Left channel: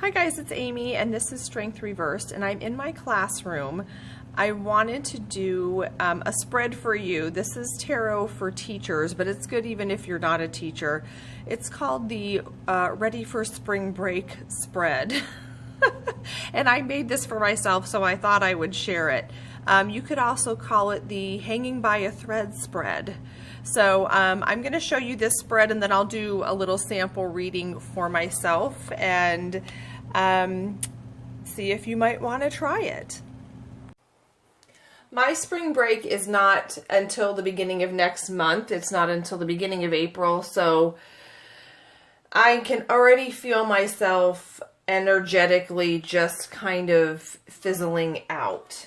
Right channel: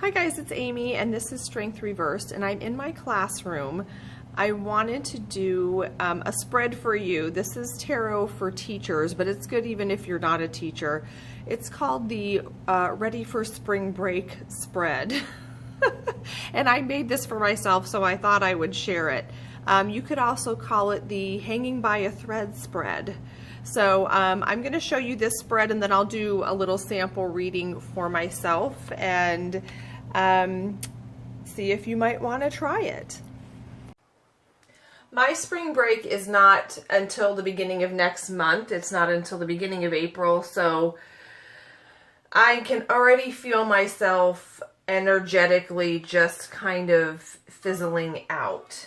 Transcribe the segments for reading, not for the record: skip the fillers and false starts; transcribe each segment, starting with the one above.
Hi guys, it's Amy and this is Strength Reversed and I'm in my classroom. I wanted to do a spread for you. This is tarot for teachers, but it's good even if you're not a teacher. It's called the Ready for Spring Break spread. And I made this for myself, so I thought I would share it. You could also call it the Hanging by a Thread spread. So I'm going to show you this spread and then I'll do a little sample reading for myself and see if you might want to try it. My spring break is not until the beginning of next month. It's not until the beginning of April, so I can already feel myself energetically just kind of fizzling out.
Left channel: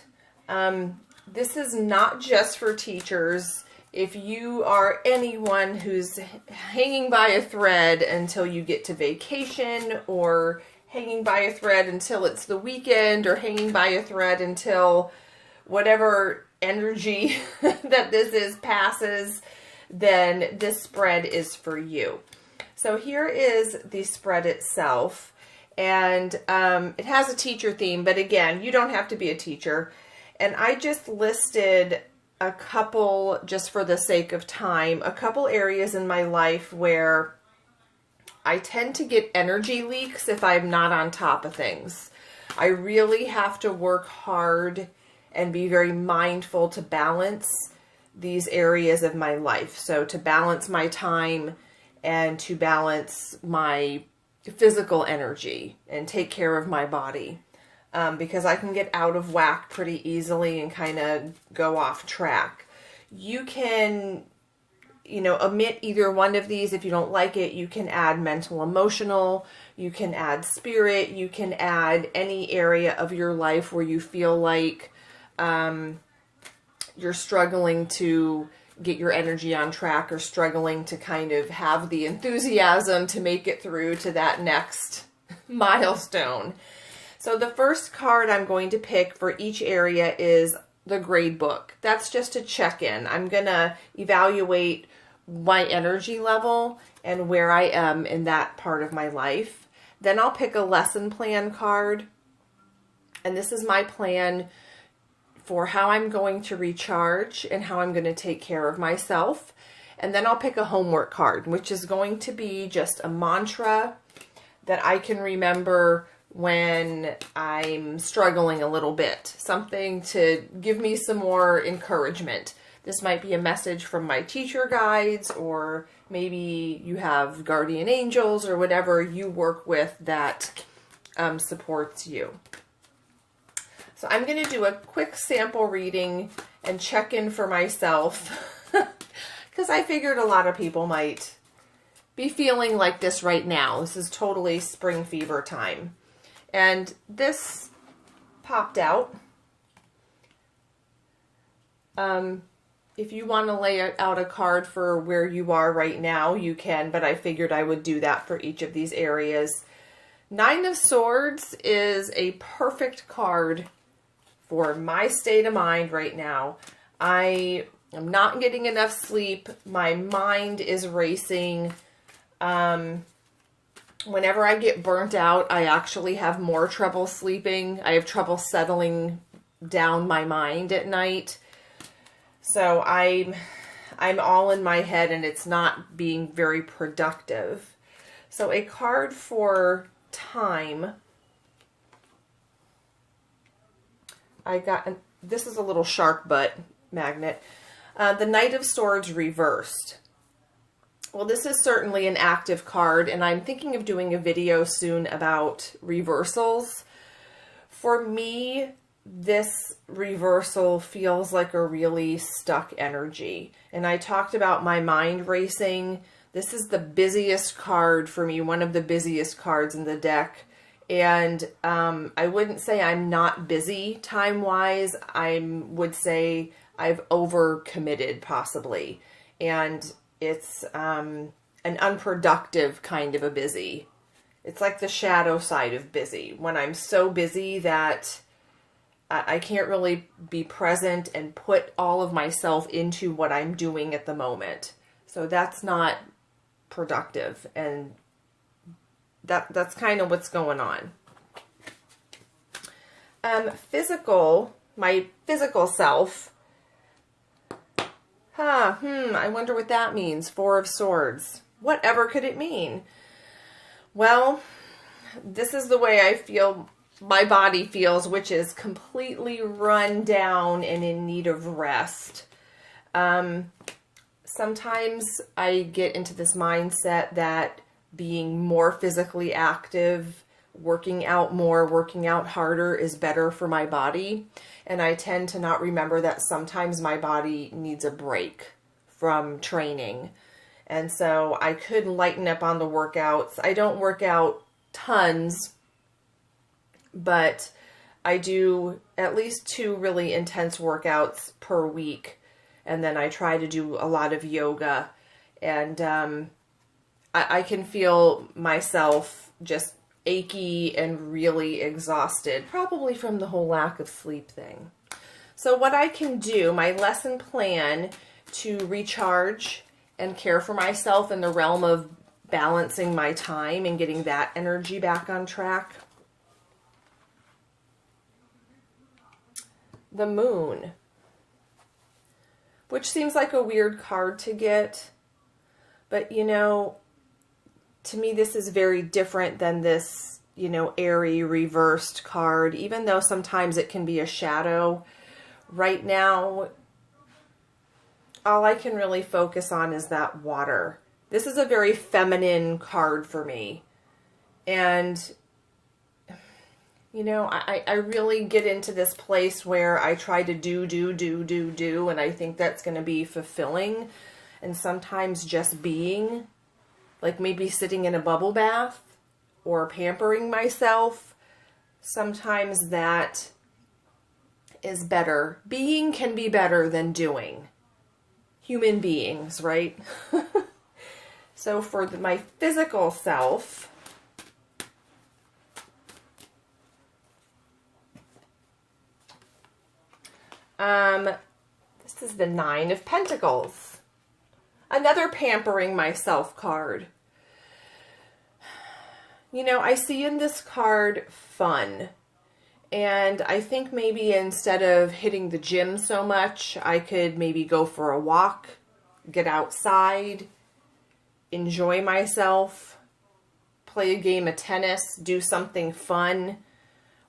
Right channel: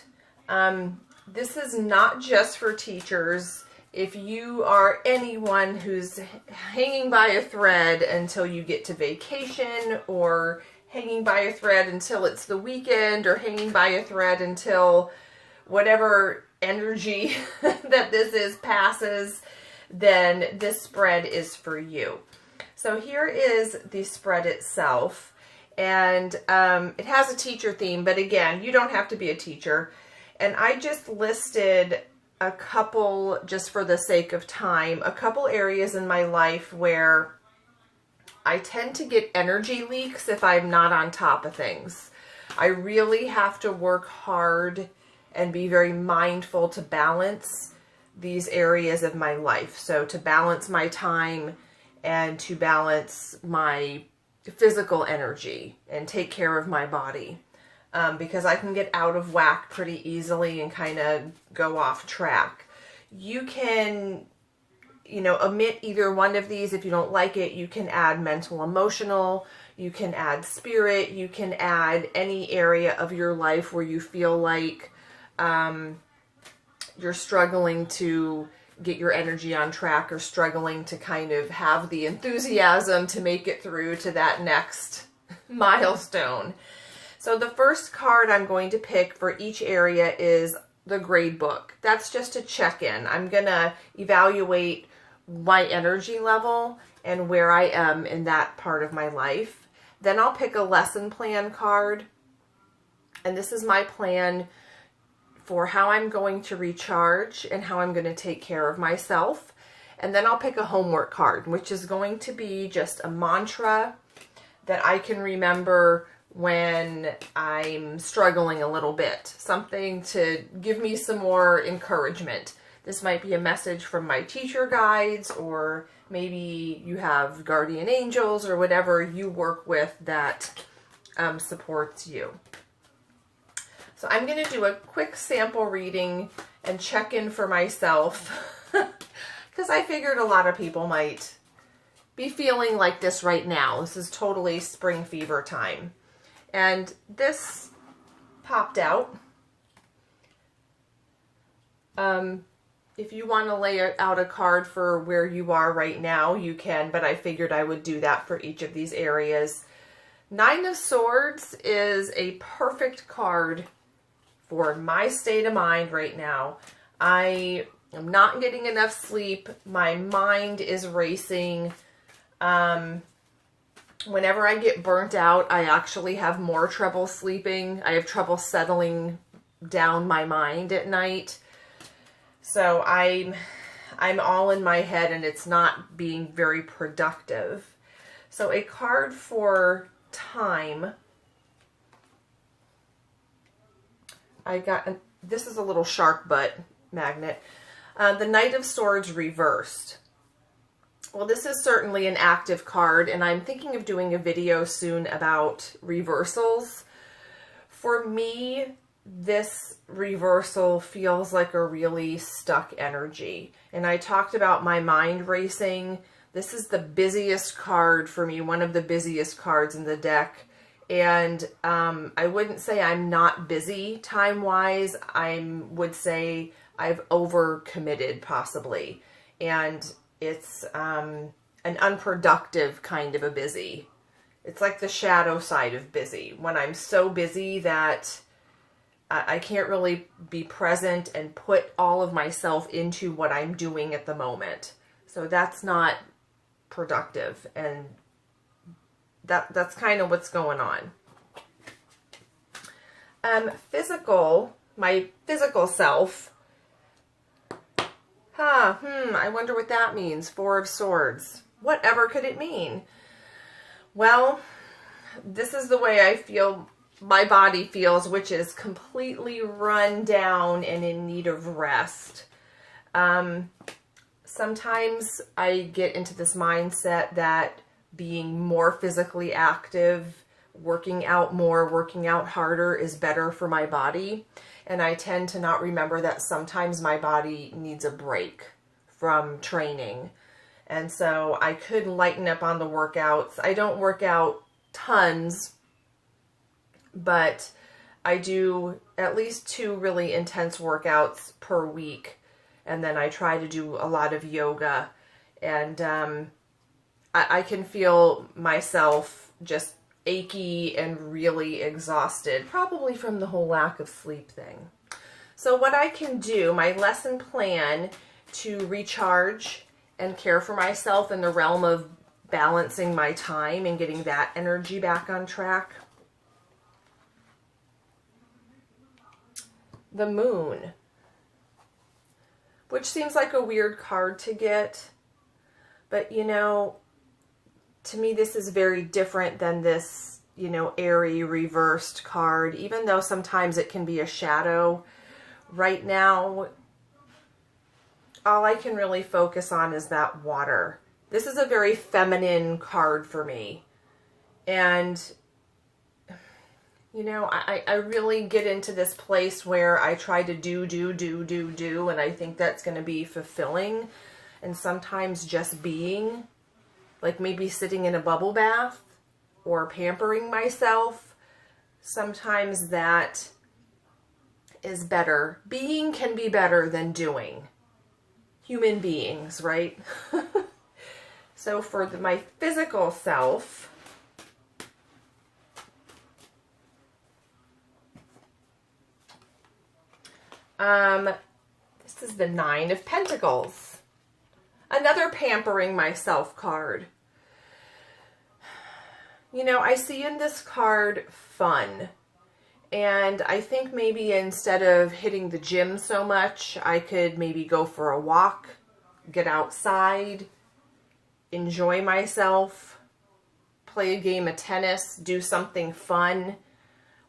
This is not just for teachers. If you are anyone who's hanging by a thread until you get to vacation, or hanging by a thread until it's the weekend, or hanging by a thread until whatever energy that this is passes, then this spread is for you. So here is the spread itself, and it has a teacher theme, but again, you don't have to be a teacher. And I just listed a couple, just for the sake of time, a couple areas in my life where I tend to get energy leaks if I'm not on top of things. I really have to work hard and be very mindful to balance these areas of my life. So to balance my time and to balance my physical energy and take care of my body. Because I can get out of whack pretty easily and kind of go off track. You can, omit either one of these if you don't like it. You can add mental, emotional, you can add spirit, you can add any area of your life where you feel like you're struggling to get your energy on track or struggling to kind of have the enthusiasm to make it through to that next milestone. So the first card I'm going to pick for each area is the grade book. That's just a check-in. I'm going to evaluate my energy level and where I am in that part of my life. Then I'll pick a lesson plan card. And this is my plan for how I'm going to recharge and how I'm going to take care of myself. And then I'll pick a homework card, which is going to be just a mantra that I can remember when I'm struggling a little bit, something to give me some more encouragement. This might be a message from my teacher guides, or maybe you have guardian angels or whatever you work with that supports you. So I'm going to do a quick sample reading and check in for myself because I figured a lot of people might be feeling like this right now. This is totally spring fever time. And this popped out. If you want to lay out a card for where you are right now, you can, but I figured I would do that for each of these areas. Nine of Swords is a perfect card for my state of mind right now. I am not getting enough sleep. My mind is racing. Whenever I get burnt out, I actually have more trouble sleeping. I have trouble settling down my mind at night. So I'm all in my head and it's not being very productive. So a card for time. I got, this is a little shark butt magnet. The Knight of Swords reversed. Well, this is certainly an active card, and I'm thinking of doing a video soon about reversals. For me, this reversal feels like a really stuck energy. And I talked about my mind racing. This is the busiest card for me, one of the busiest cards in the deck. And I wouldn't say I'm not busy time-wise. I would say I've overcommitted, possibly. And it's an unproductive kind of a busy. It's like the shadow side of busy. When I'm so busy that I can't really be present and put all of myself into what I'm doing at the moment. So that's not productive. And that's kind of what's going on. My physical self. I wonder what that means. Four of Swords. Whatever could it mean? Well, this is the way I feel my body feels, which is completely run down and in need of rest. Sometimes I get into this mindset that being more physically active, working out more, working out harder is better for my body. And I tend to not remember that sometimes my body needs a break from training. And so I could lighten up on the workouts. I don't work out tons, but I do at least 2 really intense workouts per week. And then I try to do a lot of yoga. And I can feel myself just achy and really exhausted, probably from the whole lack of sleep thing. So what I can do, my lesson plan to recharge and care for myself in the realm of balancing my time and getting that energy back on track. The Moon, which seems like a weird card to get, but you know, to me this is very different than this, you know, airy reversed card, even though sometimes it can be a shadow. Right now, all I can really focus on is that water. This is a very feminine card for me. And, you know, I really get into this place where I try to do, and I think that's going to be fulfilling. And sometimes just being, like maybe sitting in a bubble bath or pampering myself, sometimes that is better. Being can be better than doing. Human beings, right? So for my physical self, this is the 9 of Pentacles. Another pampering myself card. You know, I see in this card fun. And I think maybe instead of hitting the gym so much, I could maybe go for a walk, get outside, enjoy myself, play a game of tennis, do something fun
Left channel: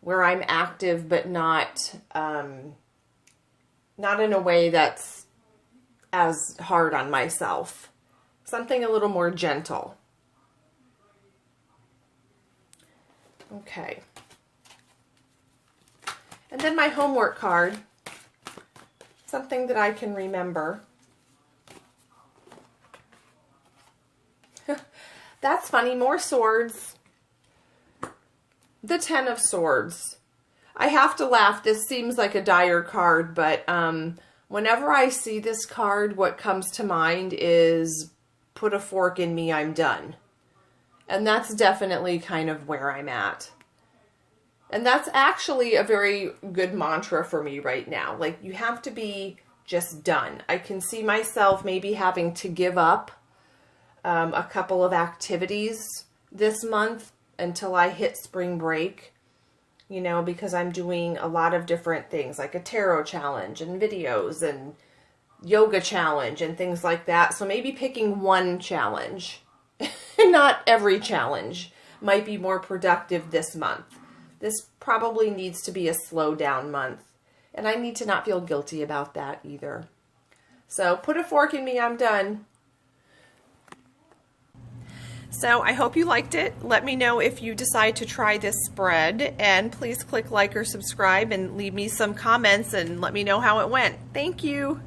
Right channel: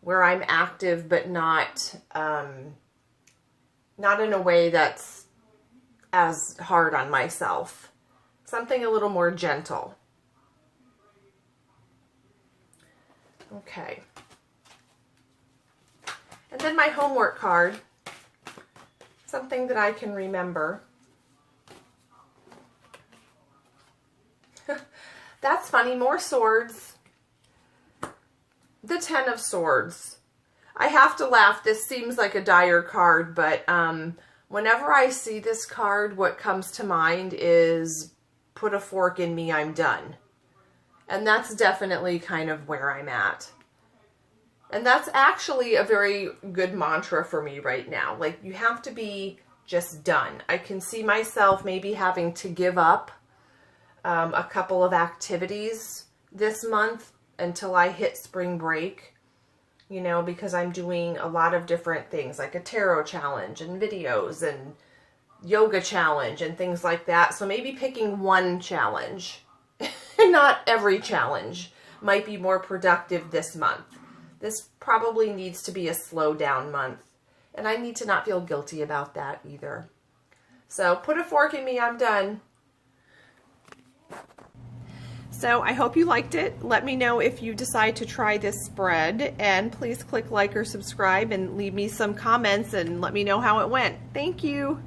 where I'm active but not in a way that's as hard on myself. Something a little more gentle. Okay. And then my homework card, something that I can remember. That's funny, more swords. The 10 of Swords. I have to laugh. This seems like a dire card, but whenever I see this card, what comes to mind is put a fork in me, I'm done. And that's definitely kind of where I'm at. And that's actually a very good mantra for me right now. Like, you have to be just done. I can see myself maybe having to give up a couple of activities this month until I hit spring break, you know, because I'm doing a lot of different things, like a tarot challenge and videos and yoga challenge and things like that. So maybe picking one challenge, not every challenge, might be more productive this month. This probably needs to be a slow down month, and I need to not feel guilty about that either. So put a fork in me, I'm done. So I hope you liked it. Let me know if you decide to try this spread, and please click like or subscribe and leave me some comments and let me know how it went. Thank you.